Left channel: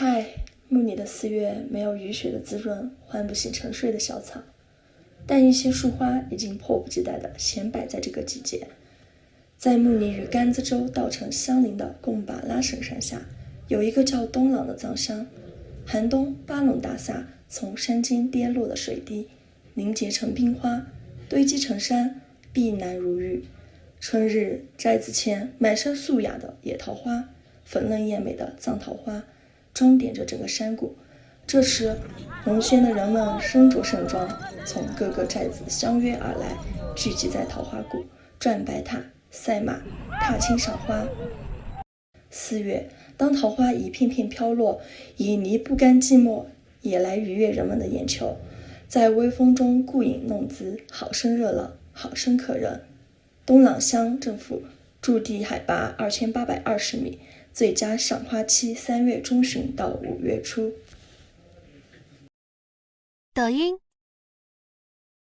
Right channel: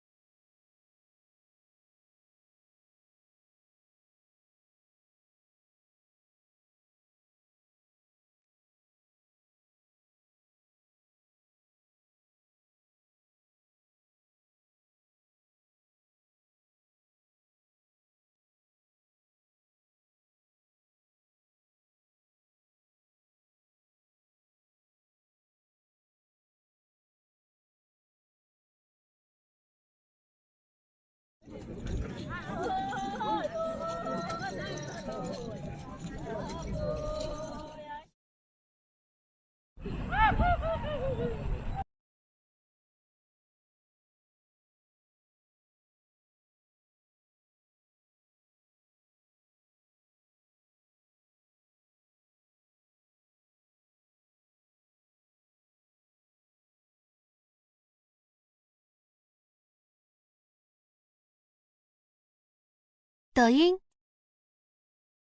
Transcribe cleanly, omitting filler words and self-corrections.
嗨，墓里的4月没有雨水的滋润，唤不醒沉睡的小草，但一些树花已经迫不及待地闲摆在这个季节。在墓里与甘孜州稻城相邻的贡巴拉神山下，有一个叫东朗的藏乡。寒冬，巴隆大萨从山间跌落的水滴凝结成冰花，堆积成山，碧蓝如玉。春日，寨子前满山素雅的野桃花，粉嫩艳美的藏桃花，装点着整个山谷。这时，龙轩的人们身着盛装，从各个寨子相约而来，聚集在桃花谷，转白塔、赛马、踏青赏花。4月，当桃花一片片飘落，以泥不甘寂寞也来愉悦人们的眼球，在微风中顾影弄姿，好生热闹，好生可人。东朗乡政府驻地海拔2820米，最佳赏花期3月中旬到5月初。抖音